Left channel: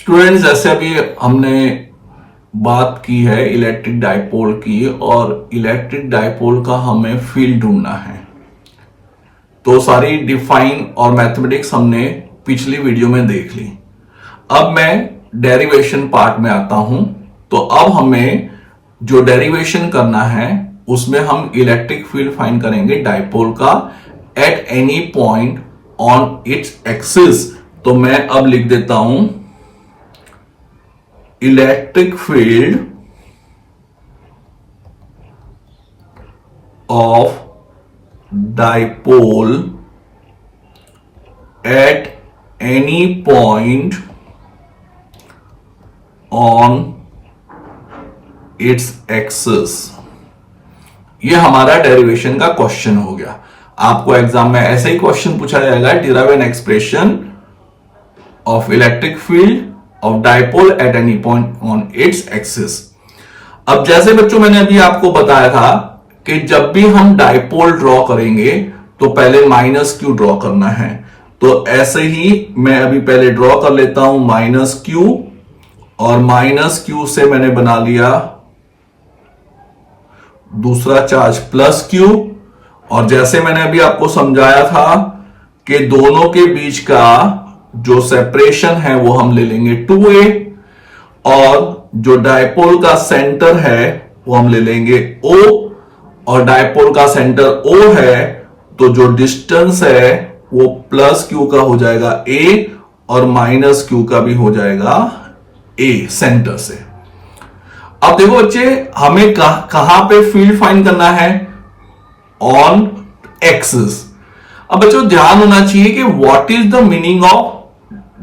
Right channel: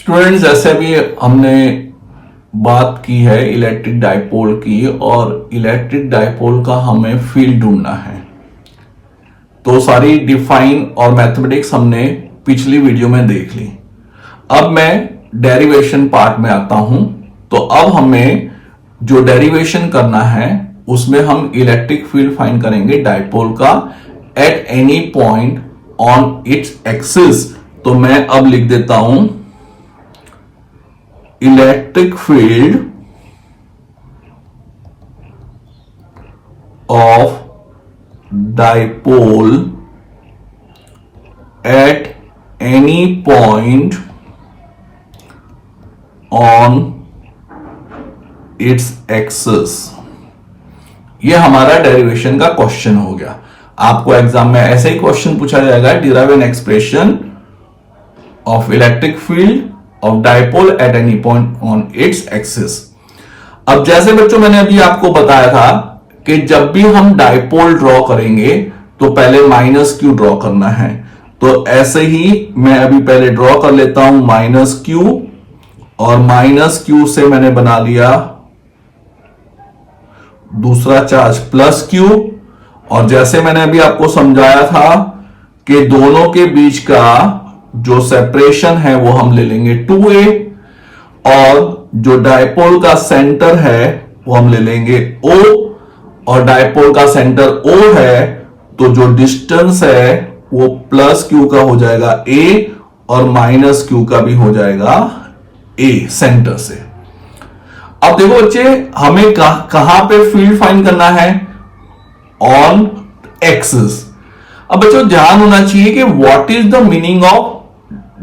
Students, जैसे अभी हमने बात की है इलेक्ट्रिक डाइपोल की, और इलेक्ट्रिक डाइपोल का हमें फील्ड ढूंढना है। तो सारी डिफाइन और मैथमेटिक्स हमने पिछली वीडियो में देख ली। अब मैं डेरिवेशन पार्ट में आता हूं। तो अब हमें जो डेरिवेशन करना है उसमें हम इलेक्ट्रिक फील्ड फाइंड करेंगे डाइपोल का at any point on its axis. तो मैं अब लिख देता हूं electric field of dipole at any point on its axis. ये हमारा डेरिवेशन का क्वेश्चन हो गया। आपको एग्जाम में ऐसे ही क्वेश्चन पूछा जाएगा, derive an expression of electric field of dipole at any point on its axis. अब जैसे बच्चों मैंने अभी आपको बताया था कि जब भी हम डाइपोल ड्रॉ करेंगे तो पहले माइनस क्यू ड्रॉ करना है। तो ऐसे ही मैं अभी पहले ड्रॉ कर लेता हूं माइनस क्यू, और माइनस क्यू से मैंने बना लिया दूसरा चार्ज प्लस क्यू। और जैसे मैंने अभी आपको समझाया था कि दोनों के बीच का जो सेपरेशन है वो हम ले लेंगे 2a, और जो डाइपोल का सेंटर है वो हम ले लेंगे O, और डाइपोल का सेंटर O है तो जो डिस्टेंस है वो प्लस क्यू का हो जाएगा a, और माइनस क्यू का भी हो जाएगा a सेंटर से। अब देखो बच्चे, हमें कहां पे फील्ड फाइंड करना है? On axis. अब बच्चों ध्यान होना चाहिए कि what is the meaning of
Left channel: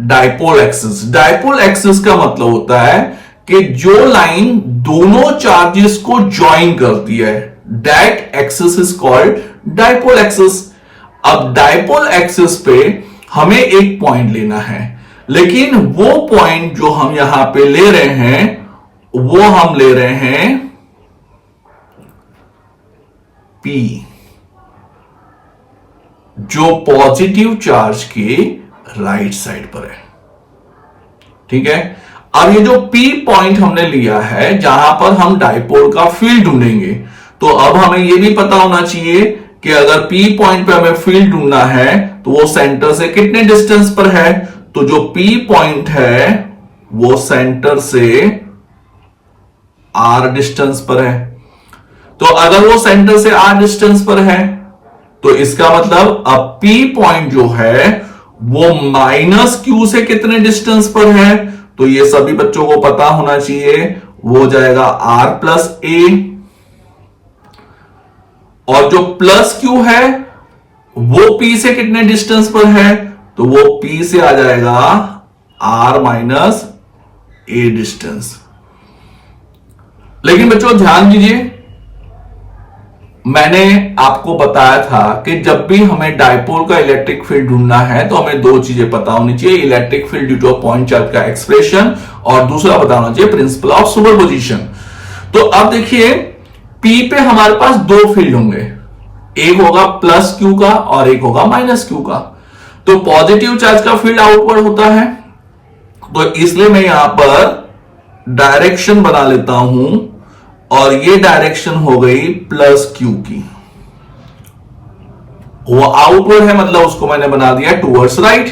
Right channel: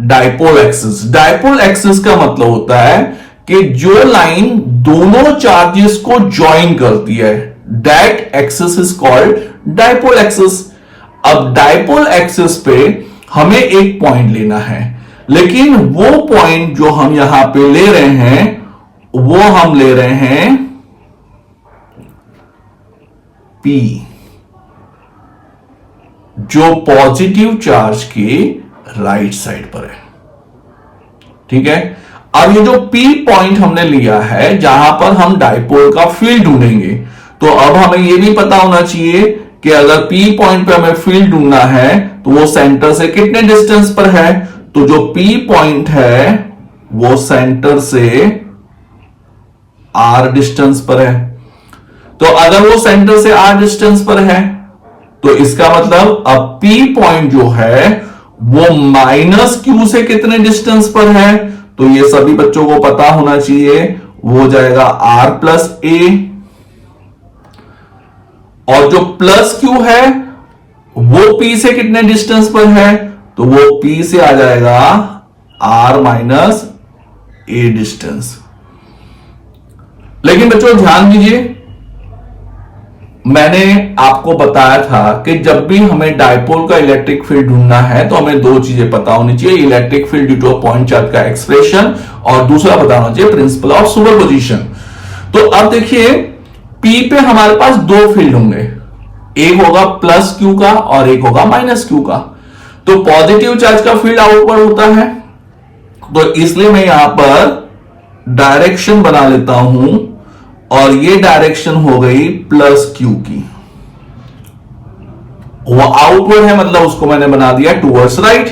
dipole axis. Dipole axis का मतलब होता है कि जो लाइन दोनों चार्जेस को ज्वाइन करती है, that axis is called dipole axis. अब डाइपोल एक्सिस पे हमें एक पॉइंट लेना है, लेकिन वो पॉइंट जो हम यहां पे ले रहे हैं वो हम ले रहे हैं P, जो पॉजिटिव चार्ज के राइट साइड पर है। ठीक है। अब ये जो P पॉइंट हमने लिया है जहां पर हम डाइपोल का फील्ड ढूंढेंगे, तो अब हमें यह भी पता होना चाहिए कि अगर P पॉइंट पे हमें फील्ड ढूंढना है तो वो सेंटर से कितने डिस्टेंस पर है। तो जो P पॉइंट है वो सेंटर से R डिस्टेंस पर है। तो अगर वो सेंटर से R डिस्टेंस पर है तो इसका मतलब अब P पॉइंट जो है वो माइनस क्यू से कितने डिस्टेंस पर है। तो ये सभी बच्चों को पता होना चाहिए, वो हो जाएगा R प्लस A, और जो प्लस क्यू है वो P से कितने डिस्टेंस पर है, तो वो P से आ जाएगा R माइनस A डिस्टेंस। लेकिन बच्चों ड्यान दीजिए, मैंने आपको बताया था कि जब भी हमें डाइपोल का इलेक्ट्रिक फील्ड ढूंढना है तो हमें दो चीजें पता होनी चाहिए, electric field due two point charge का एक्सप्रेशन, और दूसरा पता होना चाहिए प्रिंसिपल ऑफ सुपरपोजिशन। तो अब देखिए P पे हमारे पास दो फील्ड होंगे, एक होगा प्लस क्यू का और एक होगा माइनस क्यू का। तो पॉजिटिव चार्ज का फील्ड आउटवर्ड होता है, तो इसलिए मैं यहां पर डायरेक्शन बना लेता हूं, और ये डायरेक्शन हो गई प्लस क्यू की। वो आउटवर्ड है, मतलब उसको मैंने बना दिया टूवर्ड्स राइट।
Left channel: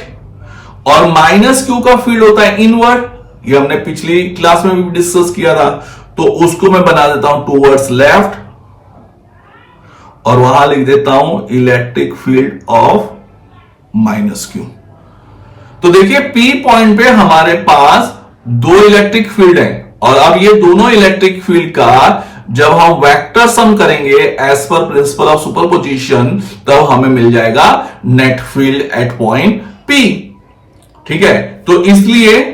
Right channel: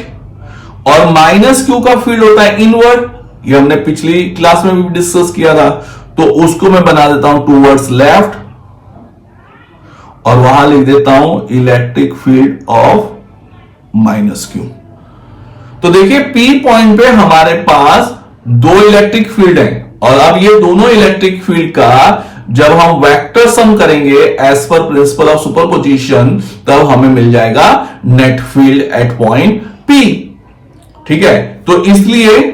और माइनस क्यू का फील्ड होता है इनवर्ड, ये हमने पिछली क्लास में भी डिस्कस किया था। तो उसको मैं बना देता हूं टूवर्ड्स लेफ्ट, और वहां लिख देता हूं electric field of minus Q. तो देखिए P पॉइंट पे हमारे पास दो इलेक्ट्रिक फील्ड हैं, और अब ये दोनों इलेक्ट्रिक फील्ड का जब हम वेक्टर सम करेंगे as per principle of superposition, तब हमें मिल जाएगा net field at point P। ठीक है। तो इसलिए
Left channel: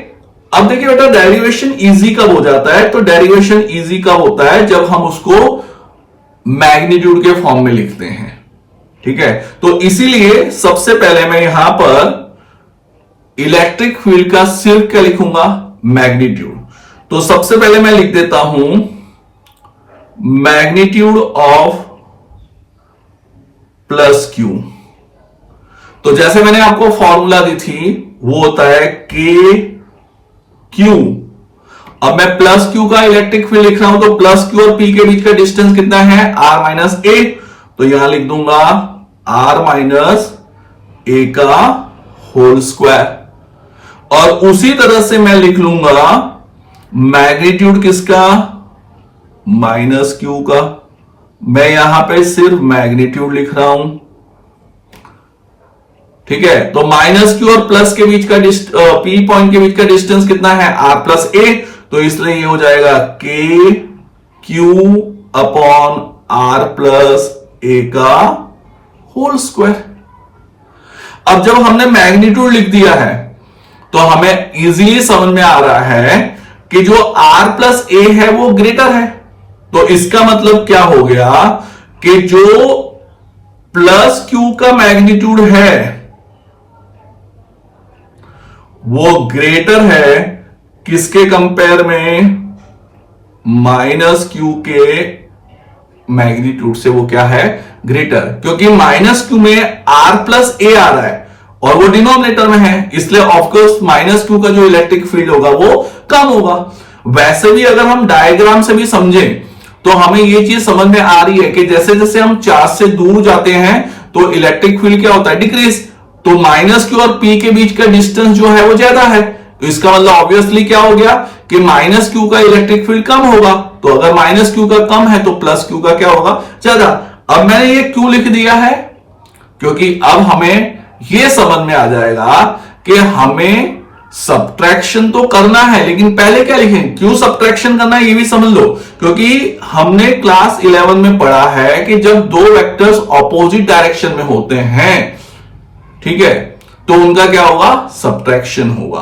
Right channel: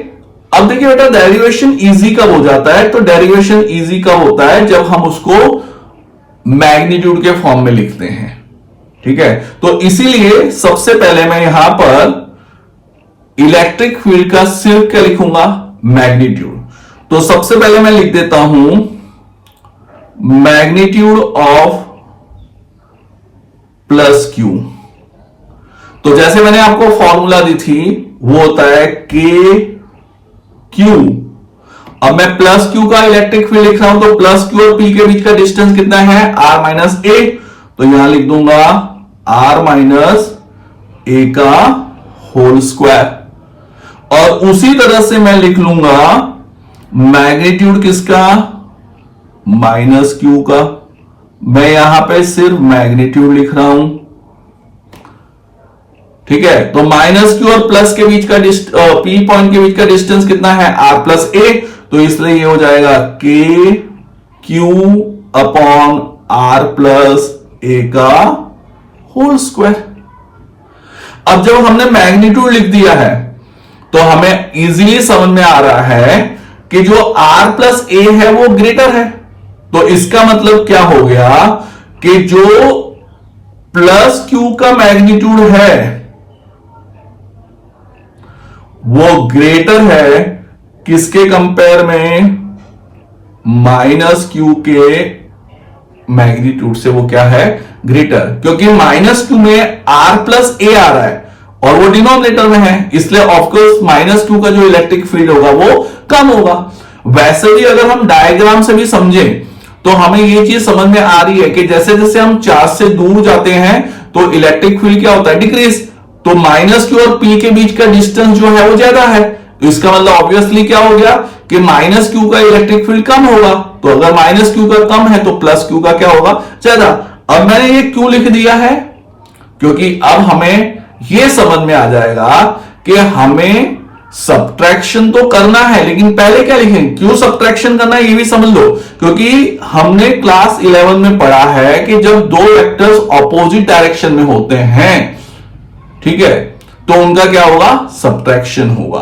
अब देखिए बेटा, डेरिवेशन इजी कब हो जाता है? तो डेरिवेशन इजी कब होता है? जब हम उसको मैग्नीट्यूड के फॉर्म में लिखते हैं। ठीक है। तो इसीलिए सबसे पहले मैं यहां पर इलेक्ट्रिक फील्ड का सिर्फ क्या लिखूंगा? मैग्नीट्यूड। तो सबसे पहले मैं लिख देता हूं मैग्नीट्यूड ऑफ प्लस क्यू। तो जैसे मैंने आपको फॉर्मूला दी थी वो होता है K क्यू। अब मैं प्लस क्यू का इलेक्ट्रिक फील्ड लिख रहा हूं, तो प्लस क्यू और पी के बीच का डिस्टेंस कितना है, आर माइनस ए। तो यहां लिख दूंगा आर माइनस ए का होल स्क्वायर। और उसी तरह से मैं लिख लूंगा मैग्नीट्यूड किसका, माइनस क्यू का। मैं यहां पे सिर्फ मैग्नीट्यूड लिख रहा हूं, ठीक है। तो माइनस क्यू और प्लस के बीच का पी पॉइंट के बीच का डिस्टेंस कितना है, आर प्लस ए। तो इसलिए ये हो जाएगा के क्यू अपॉन आर प्लस ए का होल स्क्वायर। अब जब हमने मैग्नीट्यूड लिख दिया है तो हमें इजीली समझ में आ रहा है कि जो आर प्लस ए है वो ग्रेटर है। तो इसका मतलब क्या हो गया कि जो प्लस क्यू का मैग्नीट्यूड है वो ग्रेटर है किसके कंपेयर में, माइनस क्यू के मैग्नीट्यूड से। वो क्या है, ग्रेटर, क्योंकि माइनस क्यू में आर प्लस ए आ रहा है और वो डिनोमिनेटर में है, इसलिए ऑफकोर्स माइनस क्यू का जो इलेक्ट्रिक फील्ड होगा वो कम होगा। वैसे भी अगर हम डायग्राम से भी समझें तो हमें ये चीज समझ में आ रही है कि जैसे जैसे हम चार्ज से दूर जाते हैं तो इलेक्ट्रिक फील्ड क्या होता है, डिक्रीज। तो माइनस क्यू और पी के बीच का डिस्टेंस जो है वो ज्यादा है, तो इसका मतलब ऑब्वियसली क्या हो गया कि माइनस क्यू का इलेक्ट्रिक फील्ड कम होगा। तो अगर माइनस क्यू का कम है तो प्लस क्यू का क्या होगा, ज्यादा। अब मैंने ये क्यों लिख दिया है, क्योंकि अब हमें यह समझ में आ जाएगा कि हमें सब्ट्रैक्शन तो करना है, लेकिन पहले क्या लिखें, क्यों सब्ट्रैक्शन करना है ये भी समझ लो। क्योंकि हमने क्लास 11 में पढ़ा है कि जब दो वेक्टर्स ऑपोजिट डायरेक्शन में होते हैं, ठीक है, तो उनका क्या होगा, सब्ट्रैक्शन होगा।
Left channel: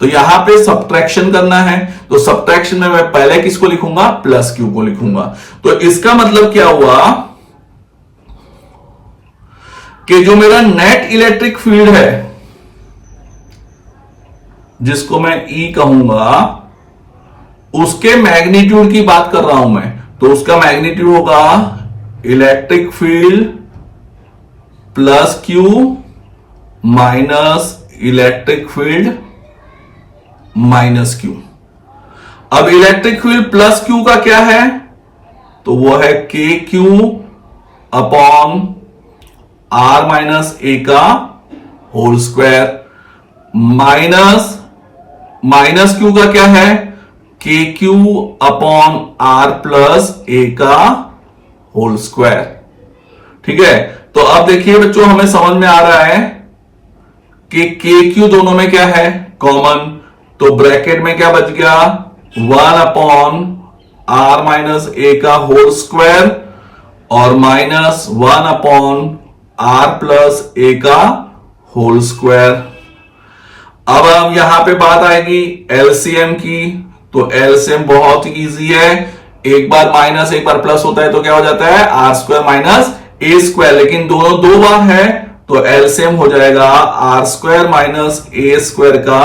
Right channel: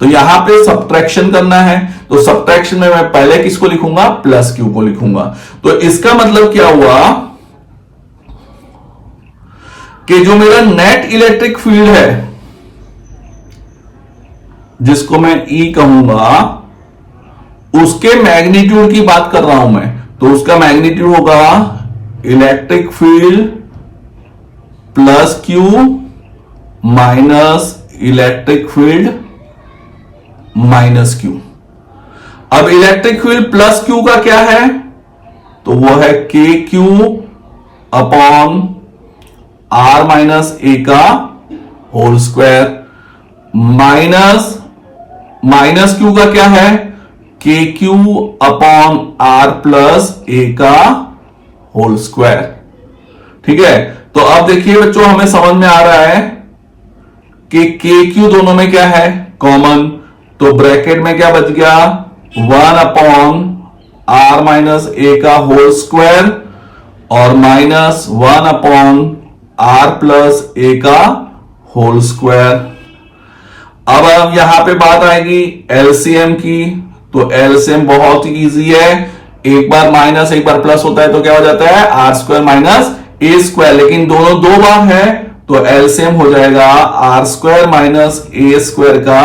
तो यहां पे सब्ट्रैक्शन करना है, तो सब्ट्रैक्शन में मैं पहले किसको लिखूंगा, प्लस क्यू को लिखूंगा। तो इसका मतलब क्या हुआ कि जो मेरा नेट इलेक्ट्रिक फील्ड है जिसको मैं ई कहूंगा, उसके मैग्नीट्यूड की बात कर रहा हूं मैं। तो उसका मैग्नीट्यूड होगा electric field plus Q minus electric field minus Q. अब इलेक्ट्रिक फील्ड प्लस क्यू का क्या है, तो वो है के क्यू अपॉन आर माइनस ए का होल स्क्वायर, माइनस क्यू का क्या है, के क्यू अपॉन आर प्लस ए का होल स्क्वायर। ठीक है, तो अब देखिए बच्चों हमें समझ में आ रहा है कि के क्यू दोनों में क्या है, कॉमन। तो ब्रैकेट में क्या बच गया, 1 अपॉन आर माइनस ए का होल स्क्वायर और माइनस 1 अपॉन आर प्लस ए का होल स्क्वायर। अब यहां पे बात आएगी एलसीएम की, तो एलसीएम बहुत ही इजी है, एक बार माइनस एक बार प्लस होता है तो क्या हो जाता है, R square minus A square, लेकिन दोनों दो बार है तो एलसीएम हो जाएगा R square minus A square का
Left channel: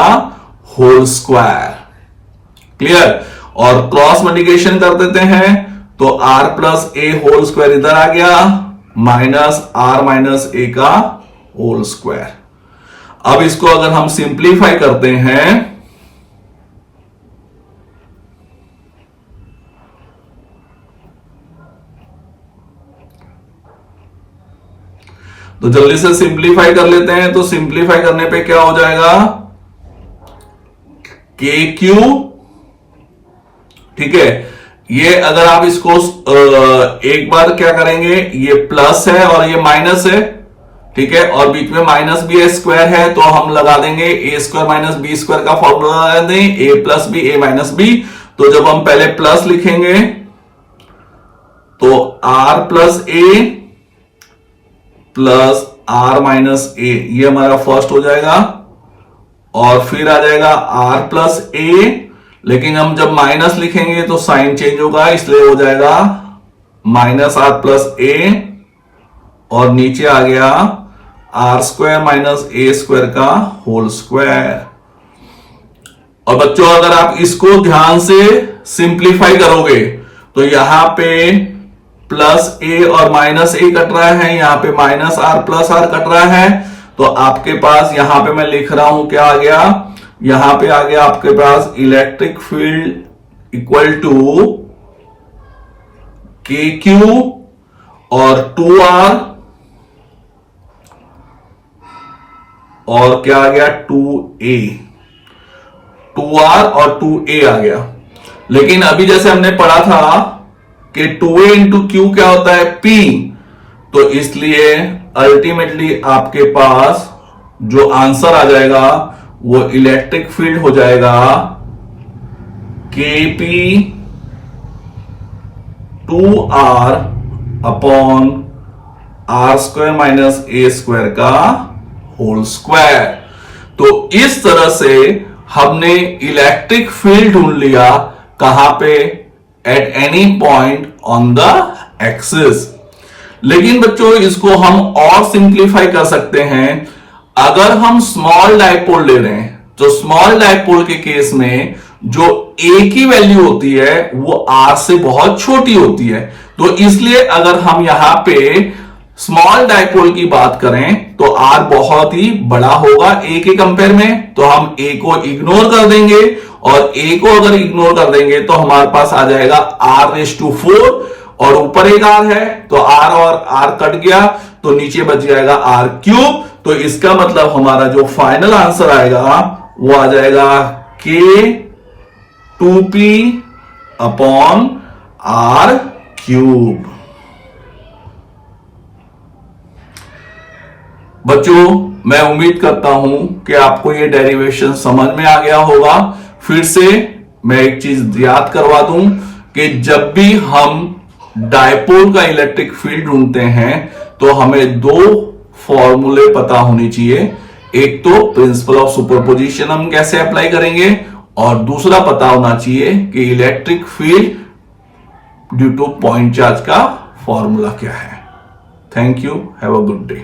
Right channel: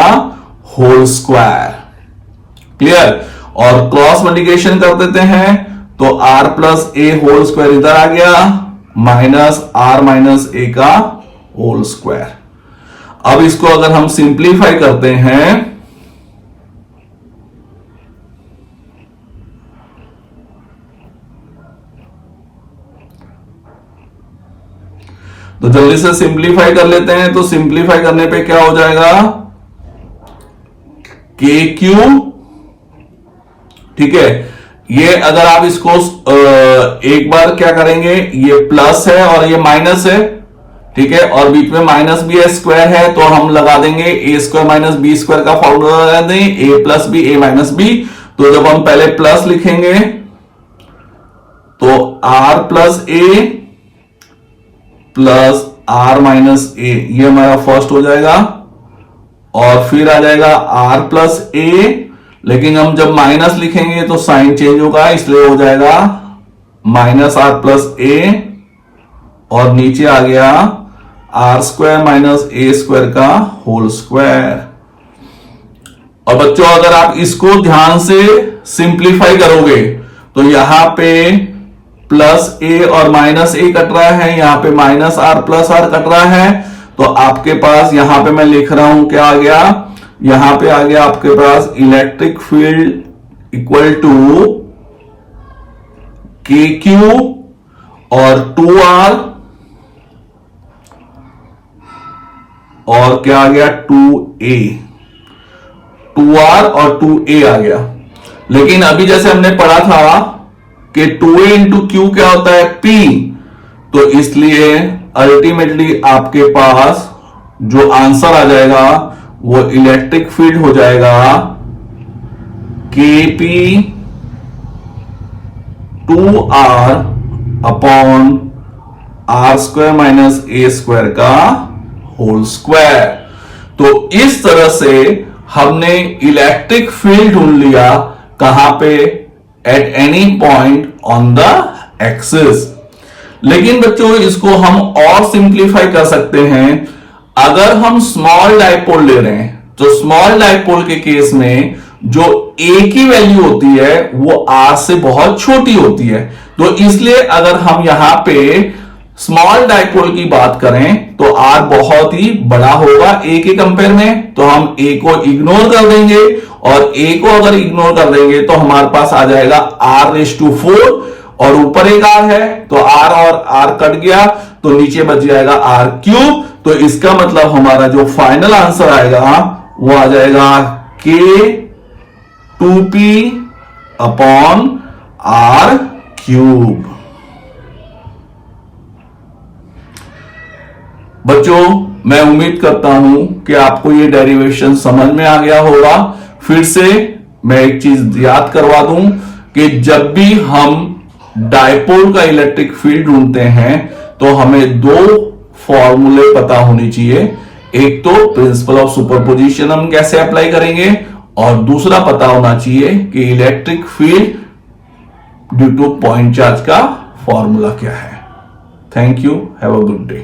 होल स्क्वायर। क्लियर, और क्रॉस मल्टीप्लिकेशन कर देते हैं तो R plus A whole square इधर आ गया माइनस आर माइनस ए का होल स्क्वायर। अब इसको अगर हम सिंप्लीफाई करते हैं तो जल्दी से सिंप्लीफाई कर लेते हैं। तो सिंप्लीफाई करने पे क्या हो जाएगा, के क्यू, ठीक है, ये अगर आप इसको एक बार क्या करेंगे, ये प्लस है और ये माइनस है, ठीक है, और बीच में माइनस भी है, स्क्वायर है, तो हम लगा देंगे A square minus B square का फॉर्मूला लगा देंगे, A plus B A minus B. तो जब हम पहले प्लस लिखेंगे तो R plus A plus R minus A, ये हमारा फर्स्ट हो जाएगा, और फिर आ जाएगा आर प्लस ए, लेकिन हम जब माइनस लिखेंगे तो साइन चेंज होगा, इसलिए हो जाएगा माइनस आर प्लस ए, और नीचे आ गया R square minus A square का होल स्क्वायर। और बच्चों अगर आप इसको ध्यान से सिंप्लीफाई करोगे तो यहां पे प्लस ए और माइनस ए कट रहा है, यहां पे minus R plus R cut रहा है, तो आपके पास यहां पे मैं लिख रहा हूं क्या आ गया, यहां पे आ गया आपके पास इलेक्ट्रिक फील्ड इक्वल टू के क्यू और 2R और क्या आ गया 2A, 2R और 2A आ गया। लेकिन अभी जैसे हमने पढ़ा था कि 2A इंटू क्यू क्या होता है P, तो इसलिए अल्टीमेटली आपके पास जो आंसर आ जाएगा वो इलेक्ट्रिक फील्ड हो जाएगा KP 2R upon R square minus A square का होल स्क्वायर। तो इस तरह से हमने इलेक्ट्रिक फील्ड ढूंढ लिया कहां पे, at any point on the axis. लेकिन बच्चों इसको हम और सिंप्लीफाई कर सकते हैं। अगर हम स्मॉल डाइपोल ले रहे हैं तो स्मॉल डाइपोल के केस में जो A की वैल्यू होती है वो R से बहुत छोटी होती है। तो इसलिए अगर हम यहां पे स्मॉल डाइपोल की बात करें तो R बहुत ही बड़ा होगा A के कंपेयर में, तो हम A को इग्नोर कर देंगे और A को अगर इग्नोर कर देंगे तो हमारे पास आ जाएगा R⁴ और ऊपर एक R है तो R और R कट गया तो नीचे बच जाएगा R³। तो इसका मतलब हमारा जो फाइनल आंसर आएगा वो आ जाएगा K2P अपॉन R³। बच्चों मैं उम्मीद करता हूं कि आपको ये डेरिवेशन समझ में आ गया होगा। फिर से मैं एक चीज याद करवा दूं कि जब भी हम डायपोल का इलेक्ट्रिक फील्ड ढूंढते हैं तो हमें दो फॉर्मूले पता होनी चाहिए। एक तो प्रिंसिपल ऑफ सुपरपोजिशन हम कैसे अप्लाई करेंगे और दूसरा पता होना चाहिए कि electric field due two point charge का फॉर्मूला क्या है। Thank you, have a good day.